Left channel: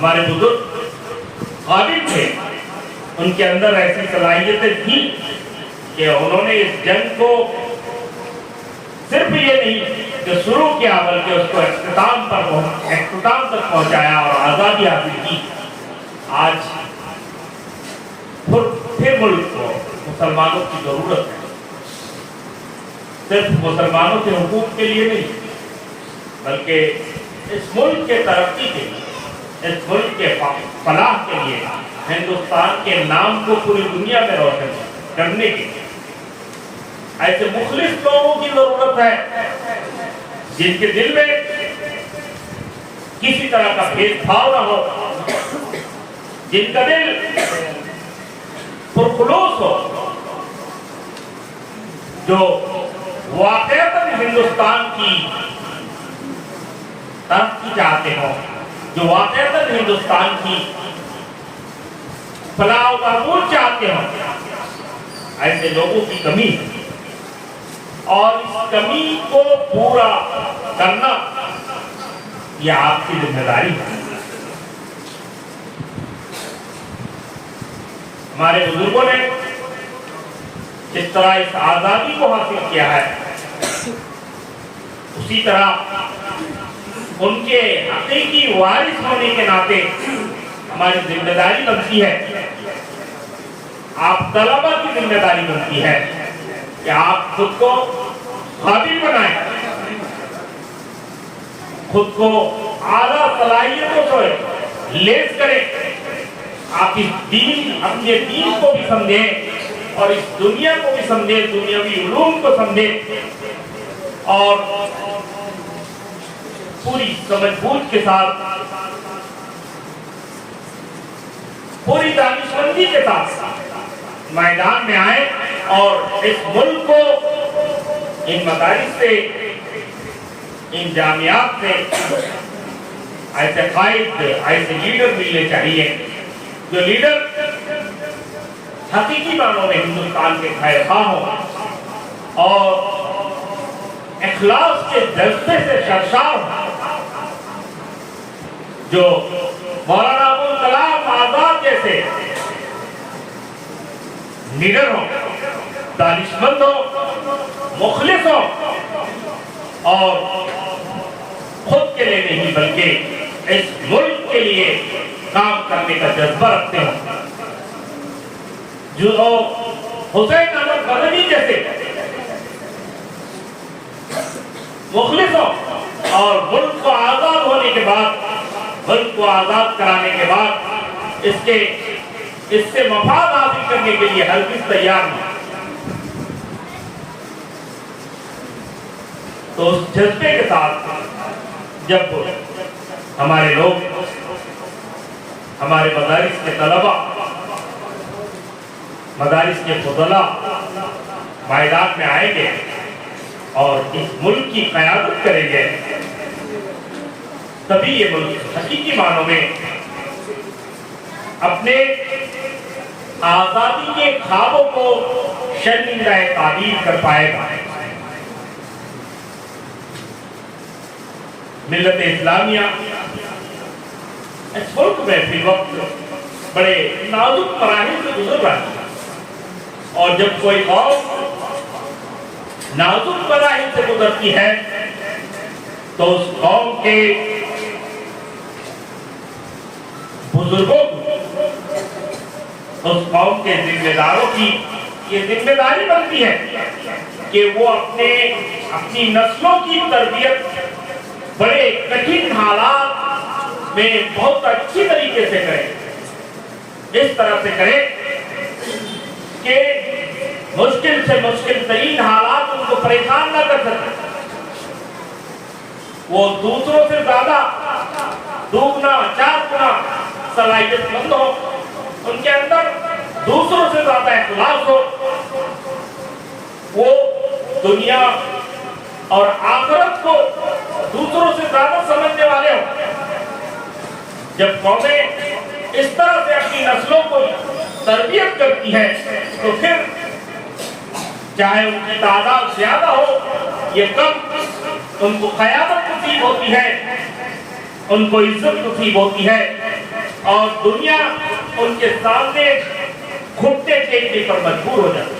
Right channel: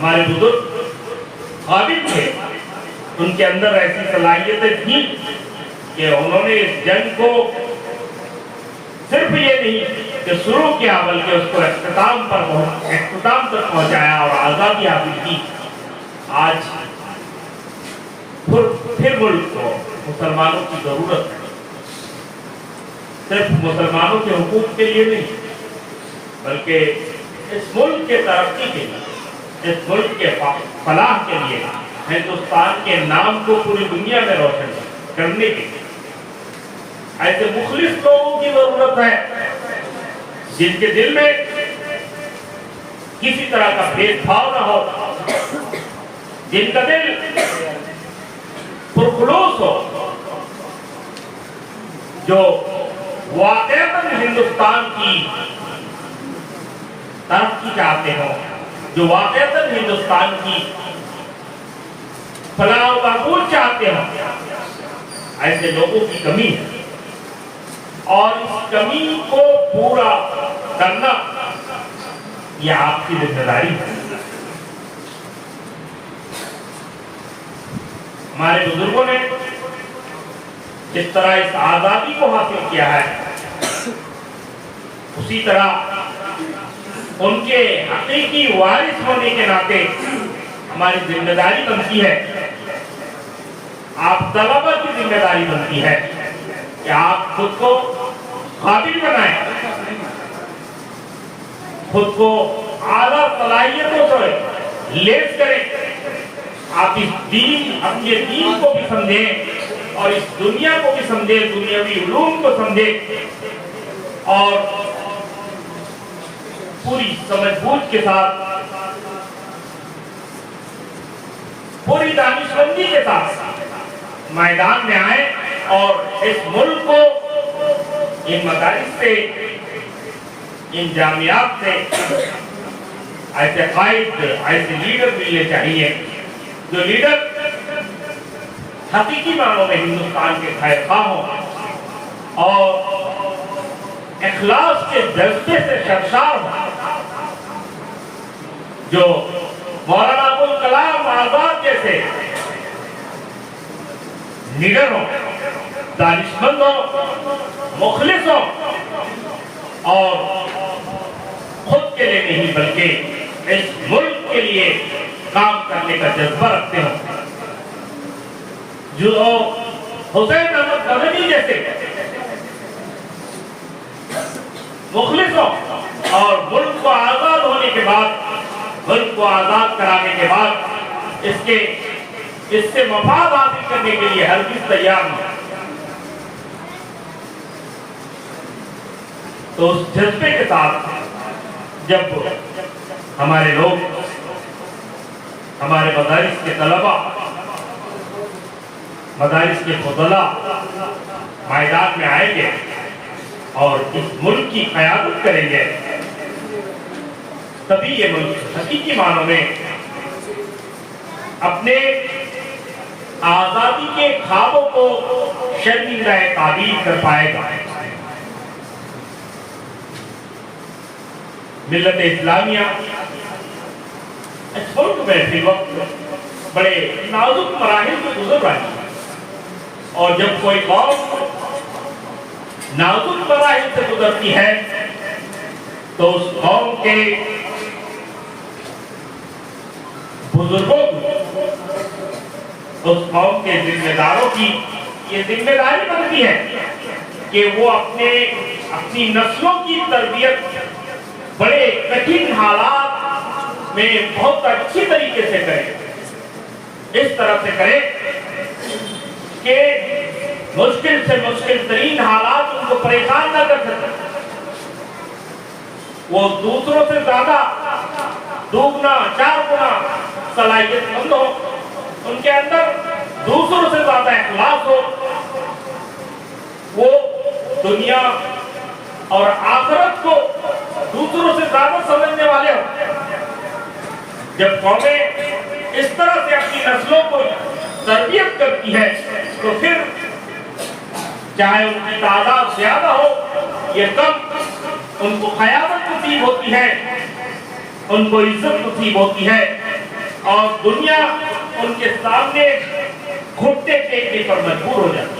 ہمارے بزرگ قابل تھے، ان کے اندر ایسی صلاحیتیں تھیں کہ انہوں نے اس جنگ کو صرف یہ نہیں کہ شروع کیا بلکہ اس کو اختتام تک پہنچایا اور آزادی حاصل کی۔ آج پھر ملک کو مسلمانوں کی ضرورت ہے، صرف مسلمانوں کے حقوق کے لیے نہیں بلکہ اس ملک کے ترقی کے لیے، اس ملک کے فلاح کے لیے، ہندوستان کے نام کو پوری دنیا میں روشن کرنے کے لیے ایسے مخلص لوگوں کی ضرورت ہے جن کے دل میں کسی طرح کا بھید بھاؤ نہ ہو، جن کا دل پرخلوص ہو، جو واقعتاً ہندوستان کی ترقی چاہتے ہو، جو واقعتاً ہندوستان کی فلاح و بہبود چاہتے ہو۔ ایسے لوگوں کی کمی ہے اور اس کمی کو پورا کرنا یہ آپ کی ذمہ داری ہے۔ ہمارے بزرگوں نے جس طرح اس آزادی کو حاصل کیا ہے، اسی طرح ان کے حقیقی وارث ہونے کے ناطے ہماری ذمہ داری بنتی ہے، آپ طلبہ کی ذمہ داری بنتی ہے کہ آپ خود کو قابل بنائیں، خود کو اعلیٰ صلاحیتوں سے لیس کریں، آپ اس دین، اپنے دین کو بھی سمجھیں اور اس دنیا کو بھی سمجھیں، دنیاوی علوم کو سمجھیں اور پوری سمجھ بوجھ کے ساتھ، پوری دانشمندی کے ساتھ میدان میں آئیں اور اس ملک کو ان مدارس سے، ان جامعات سے ایسے قائد، ایسے لیڈر ملنے چاہیے جو لیڈر حقیقی معنوں میں ہندوستان کے خیر خواہ ہوں اور اخلاص کے جذبے سے سرشار ہوں، جو مولانا ابوالکلام آزاد جیسے لیڈر ہوں، دانشمند ہوں، مخلص ہوں اور خود کے لیے نہیں بلکہ اس ملک کے لیے کام کرنے کا جذبہ رکھتے ہوں، جو حسین احمد مدنی جیسے مخلص ہوں اور ملک کو آزاد ہونے کے بعد، ملک کو آزاد کرانے کے بعد اس سے مفاد حاصل کرنے کے لیے ہرگز تیار نہیں۔ تو اس جذبے کے ساتھ جب ہمارے لوگ، ہمارے مدارس کے طلبہ، مدارس کے فضلاء میدان میں آئیں گے اور اس ملک کی قیادت کریں گے، تبھی یہ ملک حقیقی معنوں میں اپنے آزادی کے خوابوں کو شرمندہ تعبیر کر پائے گا۔ ملت اسلامیہ اس ملک میں فی وقت بڑے نازک مراحل سے گزر رہی ہے، اور جب کوئی قوم نازک مراحل سے گزرتی ہے تو اس قوم کے بزرگوں کو، اس قوم کے ذمہ داروں کی یہ ذمہ داری بنتی ہے کہ وہ اپنی نسلوں کی تربیت بڑے کٹھن حالات میں بہت اچھی طریقے سے کرے، اس طرح سے کرے کہ مشکل سے مشکل ترین حالات ان کو پریشان نہ کر سکے، وہ دوسروں سے زیادہ دوگنا چار گنا صلاحیت مند ہو، ان کے اندر دوسروں سے زیادہ اخلاص ہو، وہ دنیا اور آخرت کو دوسروں سے زیادہ سمجھنے والے ہوں۔ جب قومیں اس طرح سے اپنی نسلوں کو تربیت کرتی ہے تو پھر چاہے ان کی تعداد زیادہ ہو یا کم، ان کو قیادت نصیب ہوتی ہے، ان کو عزت نصیب ہوتی ہے اور دنیا ان کے سامنے گھٹنے ٹیکنے پر مجبور ہو جاتی ہے۔